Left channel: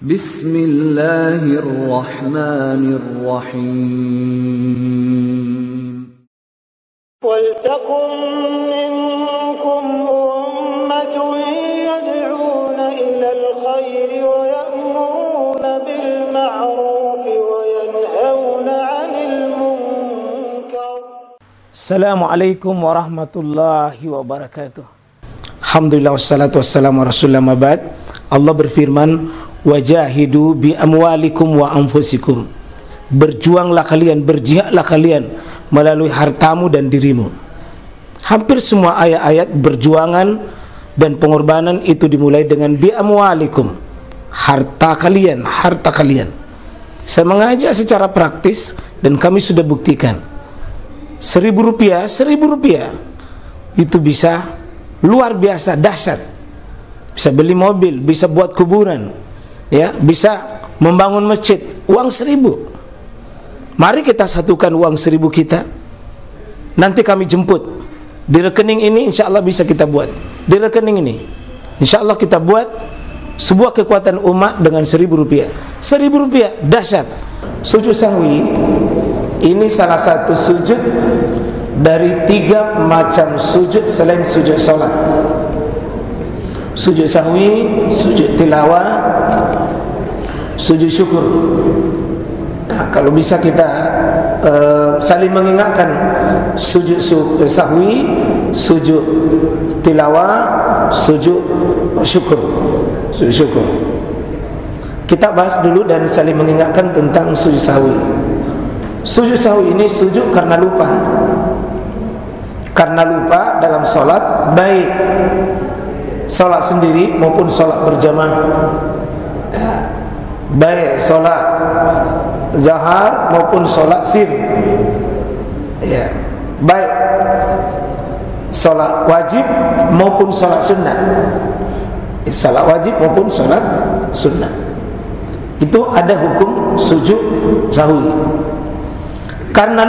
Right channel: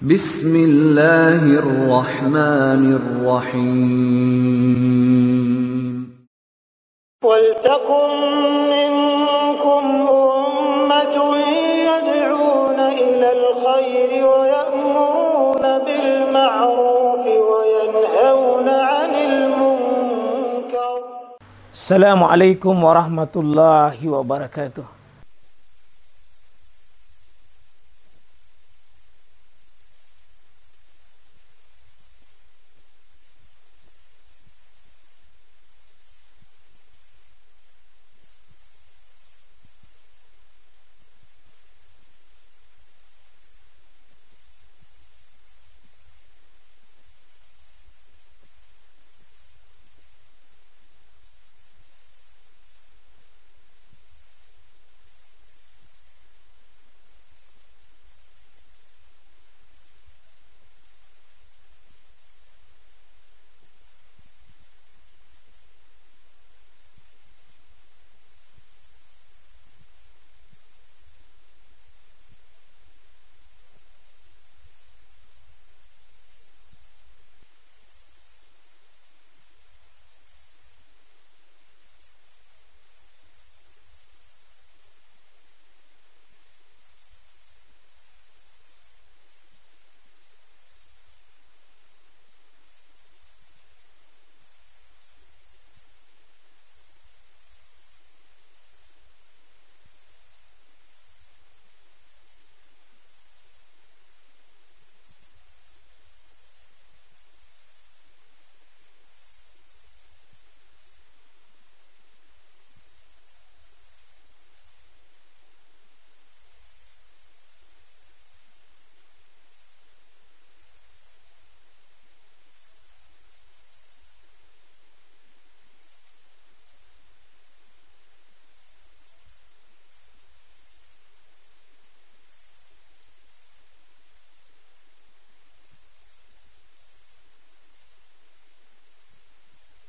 Bismillahirrahmanirrahim. Waltakum minkum ummatun yad'una ilal khairi wa ya'muruna bil ma'ruf wa yanhauna 'anil munkar. Assalamualaikum warahmatullahi wabarakatuh. Alhamdulillah wassalatu wassalamu ala rasulillah mabad. Allah berfirman, wajahidu bi amwalikum wa anfusikum. Berjuanglah kalian, berjihadlah kalian melalui hartamu dan dirimu. Hampir semua ayat-ayat berjuangan dan pengorbanan itu dimulai dengan bi amwalikum, harta kalian, harta kalian. Saya mengajak secara praktis dan kami sudah buktikan. Rp1.000 itu bisa luar biasa dahsyat. Bisa beli mobil, bisa buat kuburan, ya, bisa membangun masjid. Uang 1.000. Mari kita satukan uang 1.000 kita. Nanti kami jemput di rekening ini, insya Allah bisa kita buat. Di rekening ini, insya Allah kita buat sebuah kekuatan umat dengan Rp1.000. Rp1.000 dahsyat. Sujud sahwi ini salah satu sujud dari 3 macam sujud selain sujud salat. Sujud sahwi, sujud tilawah, sujud syukur. Nah, kalau bisa kita saling mengingatkan sujud sahwi, sujud tilawah, sujud syukur. Sujud syukur. Kita bahas dulu dan saling mengingatkan tentang sujud sahwi. Sujud sahwi ini sujud karena lupa. Karena lupa dalam salat, baik salat sendiri maupun salat berjamaah, ya, baik salat zahar maupun salat sir, ya, baik salat wajib maupun salat sunnah, ya, salat wajib maupun salat sunnah. Itu ada hukum sujud sahwi. Karena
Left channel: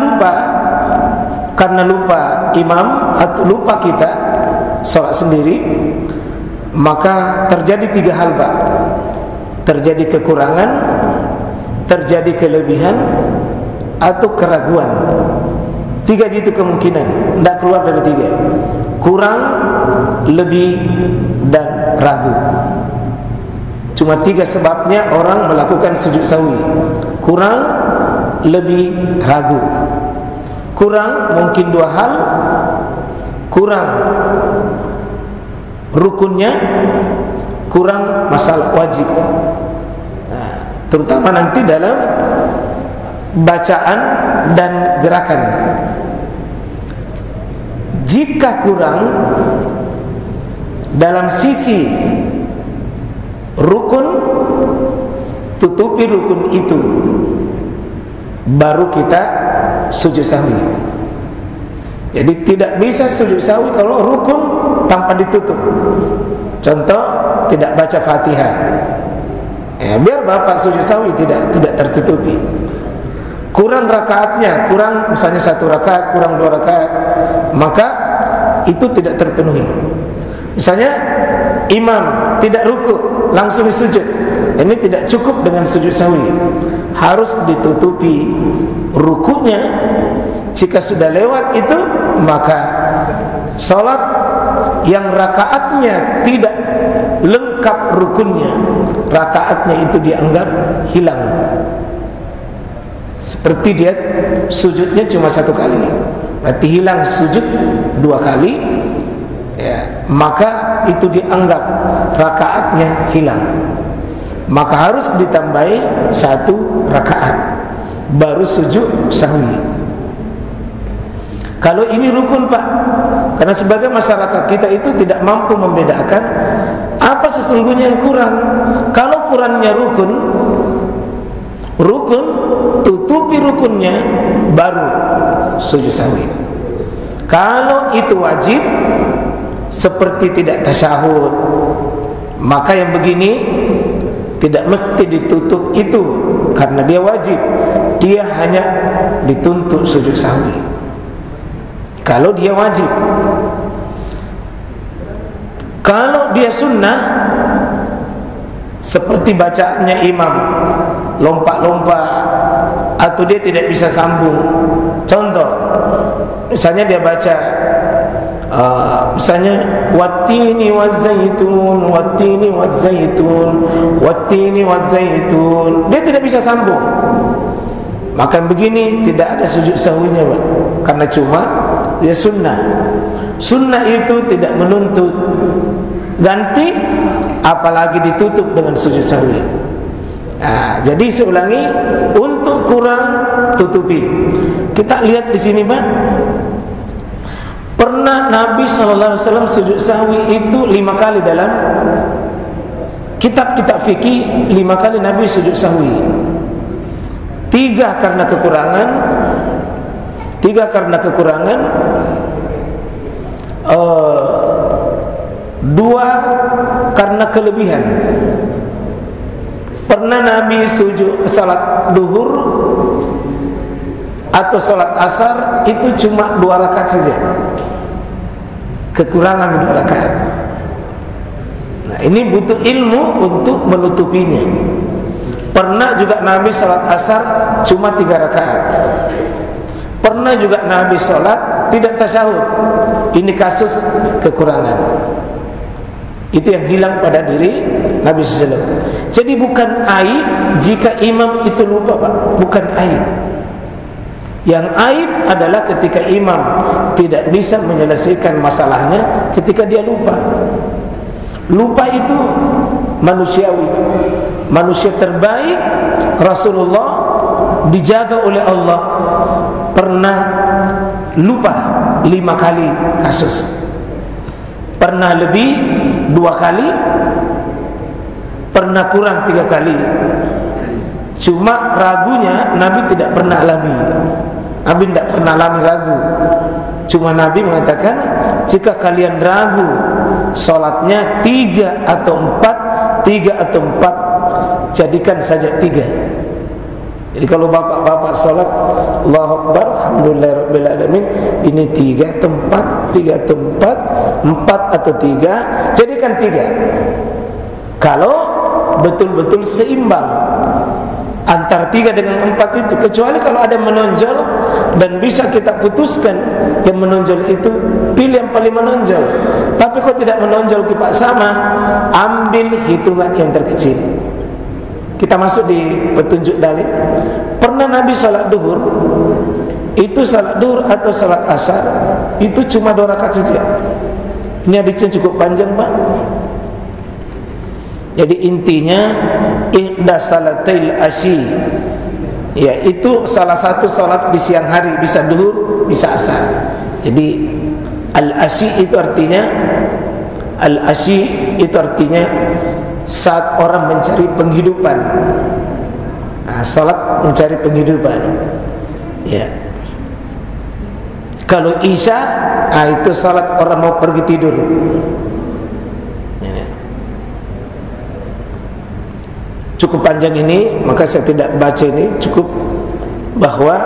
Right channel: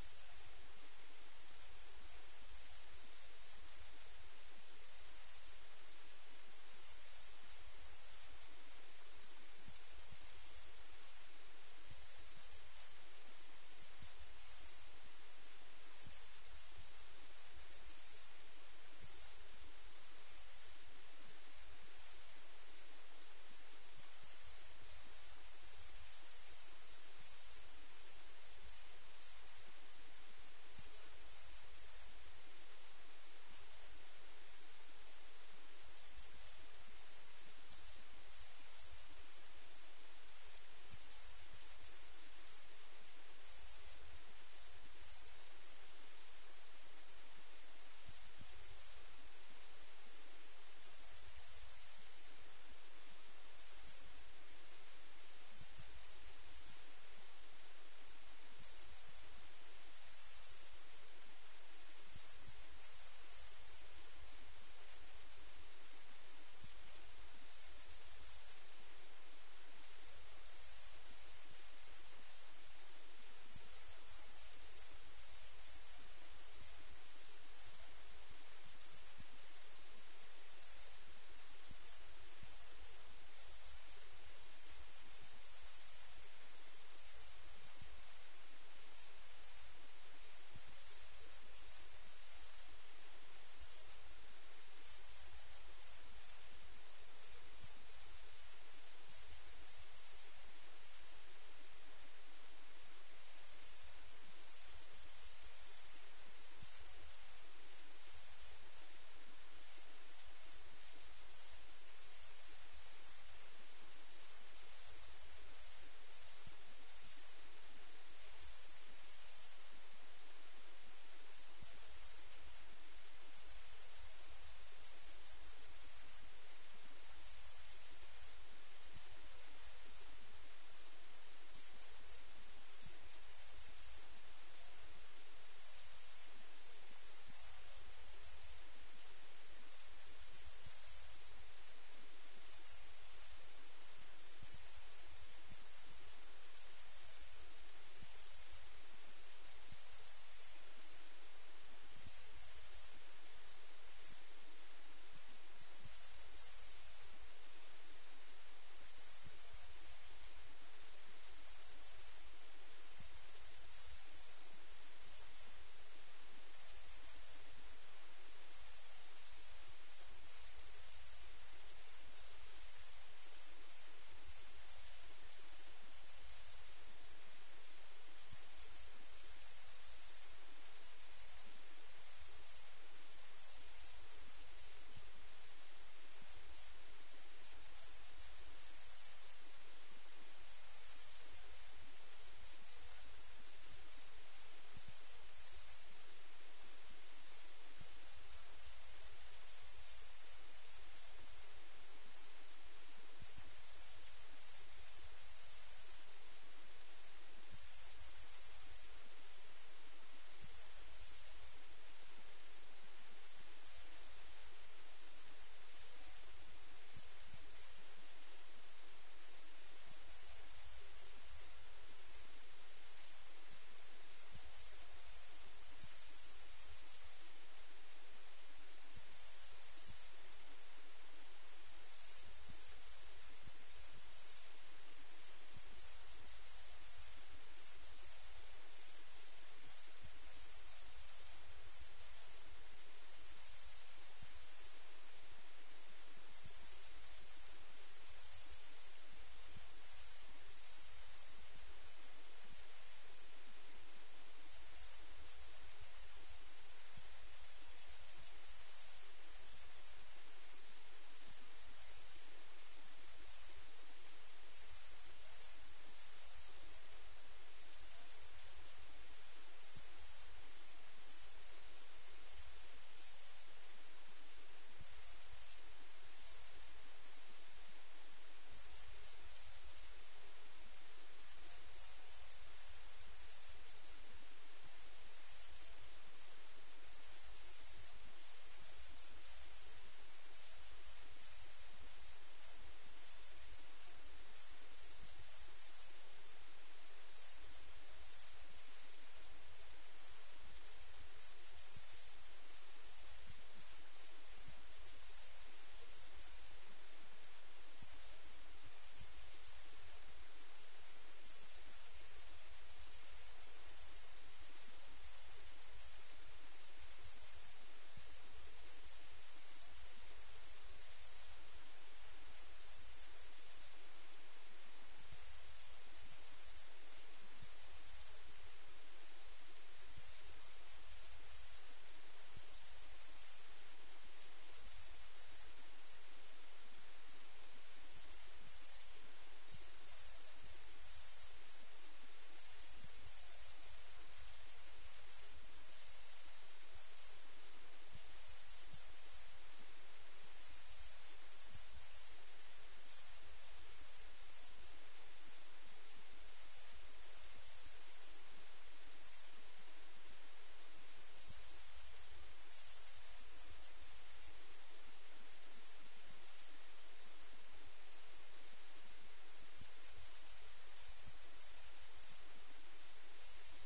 lupa imam atau lupa kita salat sendiri, maka terjadi 3 hal, Pak. Terjadi kekurangan, terjadi kelebihan, atau keraguan. 3 itu kemungkinan, tidak keluar dari 3. Kurang, lebih, dan ragu. Cuma 3 sebabnya orang melakukan sujud sahwi. Kurang, lebih, ragu. Kurang mungkin 2 hal. Kurang rukunnya, kurang masalah wajib. Nah, terutama nanti dalam bacaan dan gerakan. Jika kurang dalam sisi rukun, tutupi rukun itu, baru kita sujud sahwi. Jadi tidak bisa sujud sahwi kalau rukun tanpa ditutup. Contoh, tidak baca Fatihah, ya, biar bapak sujud sahwi tidak tertutupi. Kurang rakaatnya, kurang misalnya 1 rakaat, kurang 2 rakaat, maka itu tidak terpenuhi. Misalnya imam tidak ruku langsung sujud, ini tidak cukup dengan sujud sahwi. Harus ditutupi rukunya. Jika sudah lewat itu, maka salat yang rakaatnya tidak lengkap rukunnya, rakaatnya itu dianggap hilang. Seperti dia sujudnya cuma 1 kali, berarti hilang sujud 2 kali, ya, maka itu dianggap rakaatnya hilang. Maka harus ditambahi 1 rakaat baru sujud sahwi. Kalau ini rukun, Pak, karena sebagai masyarakat kita itu tidak mampu membedakan apa sesungguhnya yang kurang. Kalau kurangnya rukun, tutupi rukunnya, baru sujud sahwi. Kalau itu wajib, seperti tidak tasyahud, maka yang begini tidak mesti ditutup itu, karena dia wajib. Dia hanya dituntut sujud sahwi kalau dia wajib. Kalau dia sunnah, seperti bacaannya imam lompat-lompat atau dia tidak bisa sambung. Contoh, misalnya dia baca misalnya wattini wazzaitun, wattini wazzaitun, wattini wazzaitun, dia tidak bisa sambung. Maka begini tidak ada sujud sahwinya, Pak. Karena cuma ya sunnah. Sunnah itu tidak menuntut ganti, apalagi ditutup dengan sujud sahwi. Nah, jadi saya ulangi, untuk kurang tutupi. Kita lihat di sini, Pak. Pernah Nabi SAW sujud sahwi itu 5 kali dalam kitab-kitab fikih. 5 kali Nabi sujud sahwi. 3 karena kekurangan, 2 karena kelebihan. Pernah Nabi sujud salat duhur atau salat asar itu cuma 2 rakaat saja, kekurangan 2 rakaat. Nah, ini butuh ilmu untuk menutupinya. Pernah juga Nabi salat asar cuma 3 rakaat. Pernah juga Nabi salat tidak tasyahud. Ini kasus kekurangan. Itu yang hilang pada diri Nabi SAW. Jadi bukan aib jika imam itu lupa, Pak. Bukan aib. Yang aib adalah ketika imam tidak bisa menyelesaikan masalahnya ketika dia lupa. Lupa itu manusiawi, Pak. Manusia terbaik Rasulullah dijaga oleh Allah pernah lupa 5 kali kasus, pernah lebih 2 kali, pernah kurang 3 kali. Cuma ragunya Nabi tidak pernah alami. Nabi tidak pernah alami ragu. Cuma Nabi mengatakan, jika kalian ragu salatnya 3 atau 4, jadikan saja 3. Jadi kalau bapak-bapak salat Allahu Akbar, alhamdulillahirabbil alamin, ini 3 atau 4, 3 atau 4 atau 3, jadikan 3. Kalau betul-betul seimbang antara 3 dengan 4 itu, kecuali kalau ada menonjol dan bisa kita putuskan yang menonjol itu, pilih yang paling menonjol. Tapi kalau tidak menonjol kita sama, ambil hitungan yang terkecil. Kita masuk di petunjuk dalil. Pernah Nabi salat duhur, itu salat duhur atau salat asar itu cuma 2 rakaat saja. Ini hadisnya cukup panjang, Pak. Jadi intinya ihda salatil asy, ya itu salah satu salat di siang hari, bisa duhur bisa asar. Jadi al-asy itu artinya saat orang mencari penghidupan. Nah, salat mencari penghidupan. Ya. Kalau isya, itu salat orang mau pergi tidur. Ya. Cukup panjang ini, maka saya tidak baca ini. Cukup bahwa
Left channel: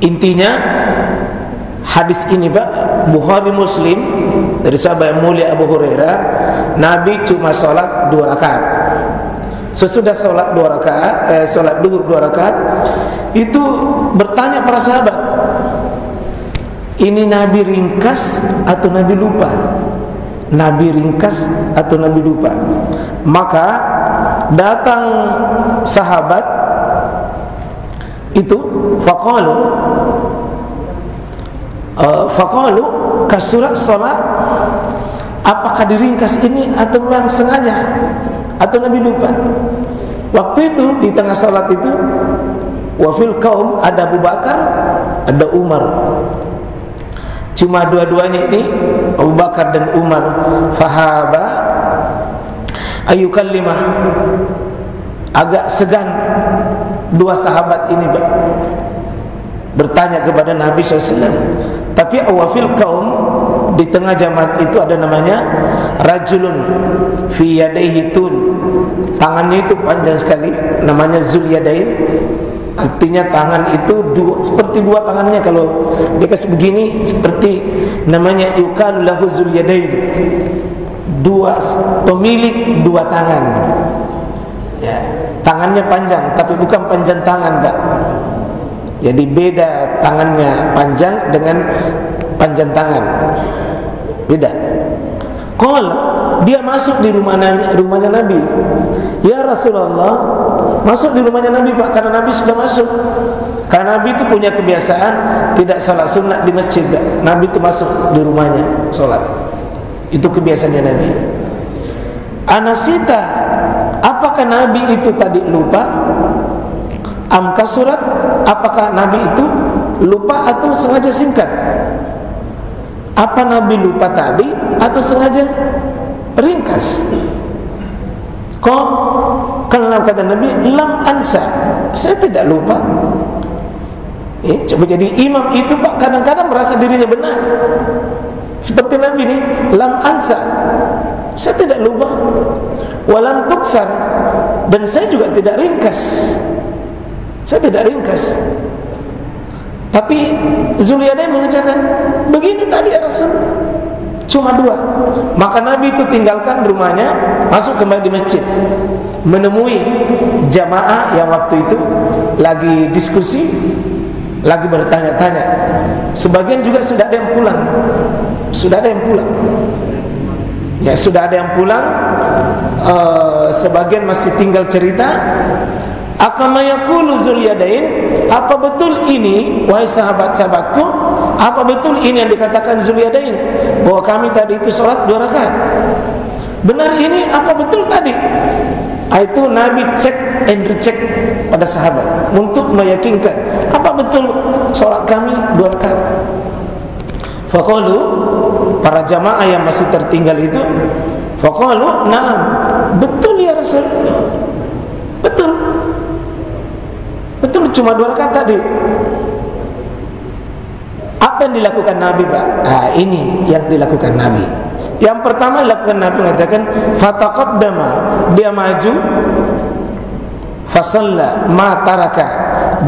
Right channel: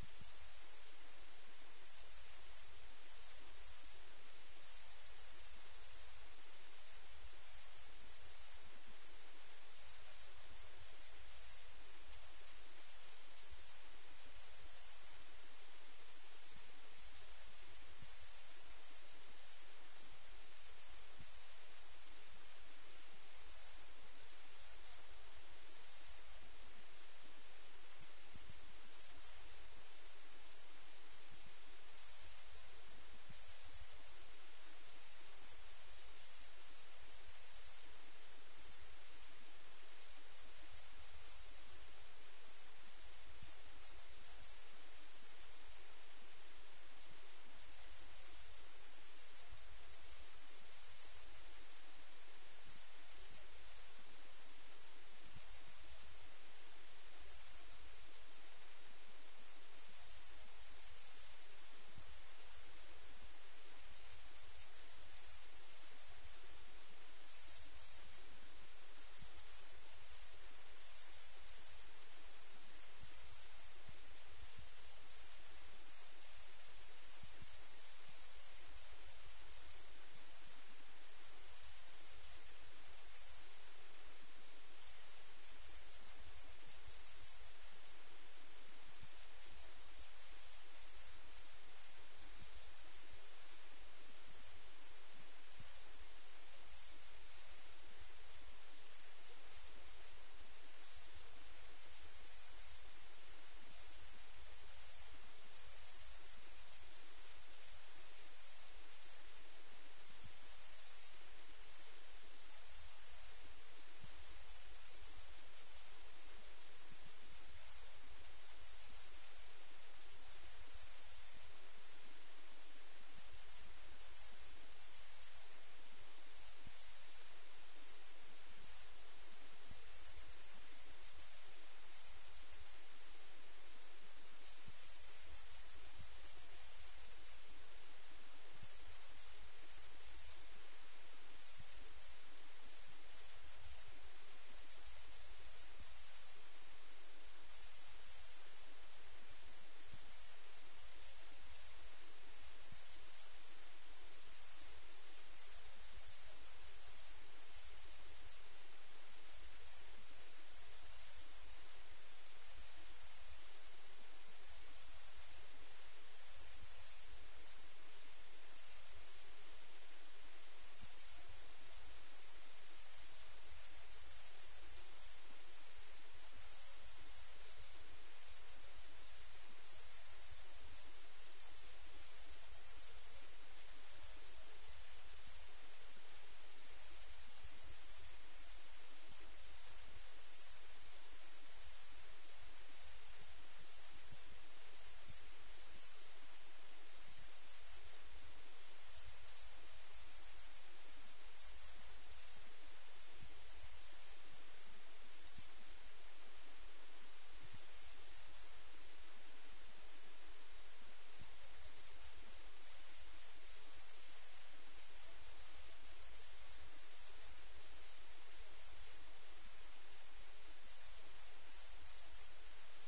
intinya hadis ini, Pak, Bukhari Muslim dari sahabat yang mulia Abu Hurairah, Nabi cuma salat 2 rakaat. Sesudah salat 2 rakaat, salat duhur 2 rakaat, itu bertanya para sahabat, ini Nabi ringkas atau Nabi lupa? Nabi ringkas atau Nabi lupa? Maka datang sahabat itu faqalu kasurat salat, apakah diringkas ini atau memang sengaja atau Nabi lupa? Waktu itu di tengah salat itu wafil kaum ada Abu Bakar, ada Umar. Cuma dua-duanya ini, Abu Bakar dan Umar, fahaba ayukallimah, agak segan 2 sahabat ini bertanya kepada Nabi SAW. Tapi awafil kaum, di tengah jamaah itu ada namanya rajulun fi yadaihi tul, tangannya itu panjang sekali, namanya Zul Yadain. Artinya tangan itu seperti dua tangannya. Kalau dia kasih begini, seperti namanya yuqalu lahu zul yadain, pemilik dua tangan. Ya, tangannya panjang, tapi bukan panjang tangan, Pak. Jadi beda tangannya panjang dengan panjang tangan, beda. Dia masuk di rumahnya Nabi. Ya Rasulullah, masuk di rumahnya Nabi, Pak, karena Nabi sudah masuk. Karena Nabi itu punya kebiasaan tidak salat sunat di masjid, Pak. Nabi itu masuk di rumahnya salat. Itu kebiasaannya Nabi. Anasita, apakah Nabi itu tadi lupa? Amka surat, apakah Nabi itu lupa atau sengaja singkat? Apa Nabi lupa tadi atau sengaja ringkas? Kalau kata Nabi, lam ansa, saya tidak lupa. Coba jadi imam itu, Pak, kadang-kadang merasa dirinya benar. Seperti Nabi ini, lam ansa, saya tidak lupa. Walam tuksar, dan saya juga tidak ringkas. Saya tidak ringkas. Tapi Zulyadain mengerjakan begini tadi ya Rasul, cuma dua. Maka Nabi itu tinggalkan rumahnya, masuk kembali di masjid, menemui jamaah yang waktu itu lagi diskusi, lagi bertanya-tanya. Sebagian juga sudah ada yang pulang. Sudah ada yang pulang. Ya, sudah ada yang pulang. Sebagian masih tinggal cerita. Akama yaqulu Zulyadain, apa betul ini wahai sahabat-sahabatku? Apa betul ini yang dikatakan Zulyadain, bahwa kami tadi itu sholat 2 rakaat? Benar ini apa betul tadi? Itu Nabi cek and recheck pada sahabat untuk meyakinkan apa betul sholat kami 2 rakaat. Faqalu, para jamaah yang masih tertinggal itu, faqalu, na'am, betul ya Rasul, betul. Betul, cuma 2 rakaat tadi. Apa yang dilakukan Nabi, Pak? Ini yang dilakukan Nabi. Yang pertama dilakukan Nabi mengatakan fataqaddama, dia maju, fasalla ma taraka,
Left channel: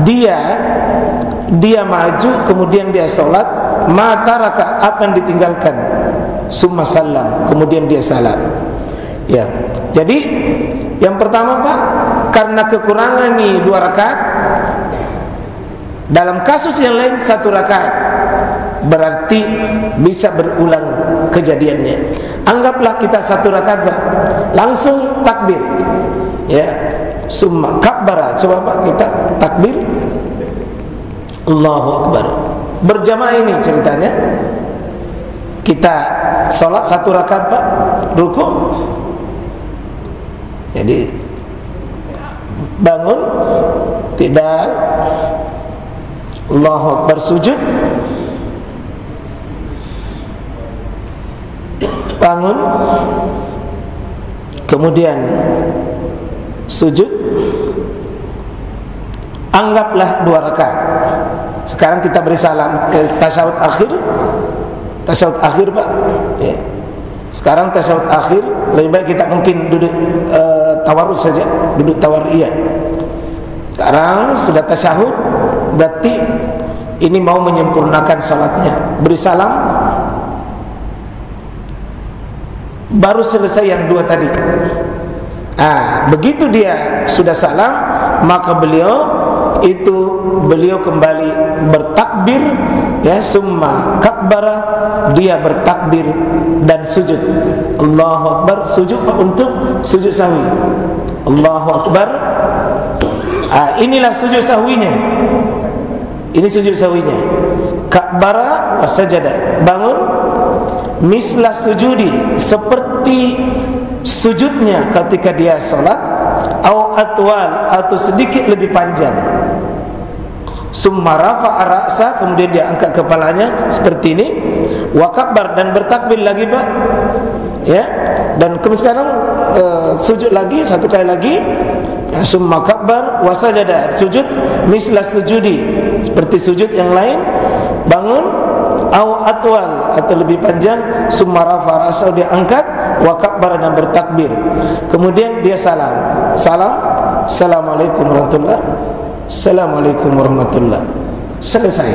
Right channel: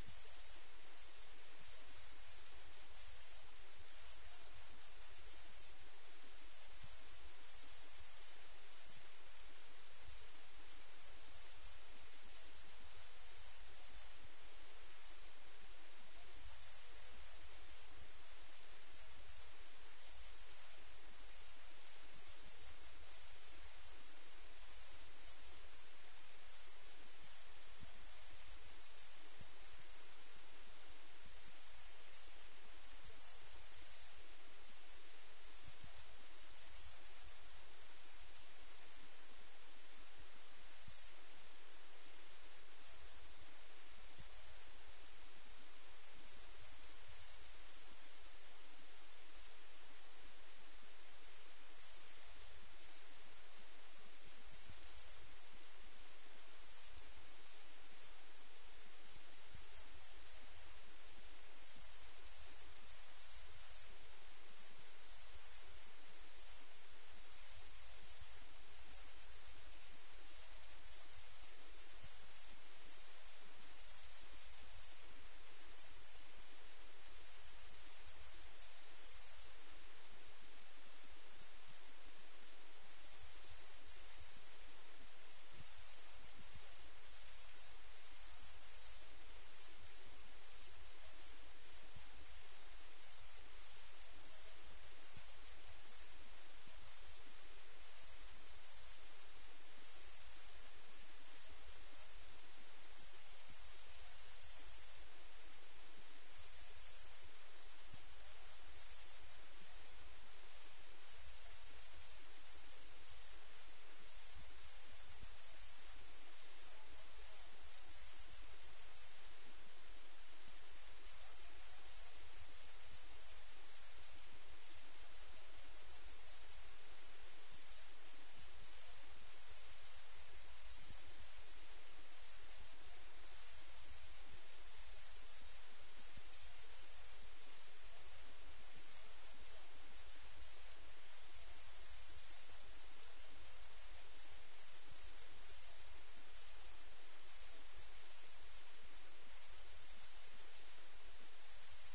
dia maju kemudian dia salat, ma taraka, apa yang ditinggalkan, summa salam, kemudian dia salam. Ya. Jadi yang pertama, Pak, karena kekurangan nih 2 rakaat, dalam kasus yang lain 1 rakaat, berarti bisa berulang kejadiannya. Anggaplah kita 1 rakaat, Pak, langsung takbir, ya, summa kabbara. Coba Pak kita takbir, Allahu Akbar. Berjamaah ini ceritanya. Kita sholat 1 rakaat, Pak, ruku. Jadi bangun, tidak, Allahu Akbar, sujud, bangun, kemudian sujud, anggaplah 2 rakaat. Sekarang kita beri salam, tasyahud akhir, Pak, ya. Sekarang tasyahud akhir, lebih baik kita mungkin duduk tawarruk saja, duduk tawarriyah. Sekarang sudah tasyahud, berarti ini mau menyempurnakan salatnya. Beri salam, baru selesai yang 2 tadi. Begitu dia sudah salam, maka beliau kembali bertakbir, ya, summa kabbara, dia bertakbir dan sujud. Allahu Akbar, sujud untuk sujud sahwi. Allahu Akbar. Inilah sujud sahwinya. Ini sujud sahwinya. Kabbara wa sajada, bangun, mislah sujudi, seperti sujudnya ketika dia salat, au atwal, atau sedikit lebih panjang. Summa rafa'a ra'sa, kemudian dia angkat kepalanya seperti ini, wa kabbar, dan bertakbir lagi, Pak, ya. Dan kemudian sekarang sujud lagi 1 kali lagi, ya, summa kabbar wa sajada, sujud mislah sujudi, seperti sujud yang lain, bangun, au atwal, atau lebih panjang, summa rafa'a ra'sa, dia angkat, wa kabbar, dan bertakbir. Kemudian dia salam, assalamualaikum warahmatullahi. Assalamualaikum warahmatullahi. Selesai.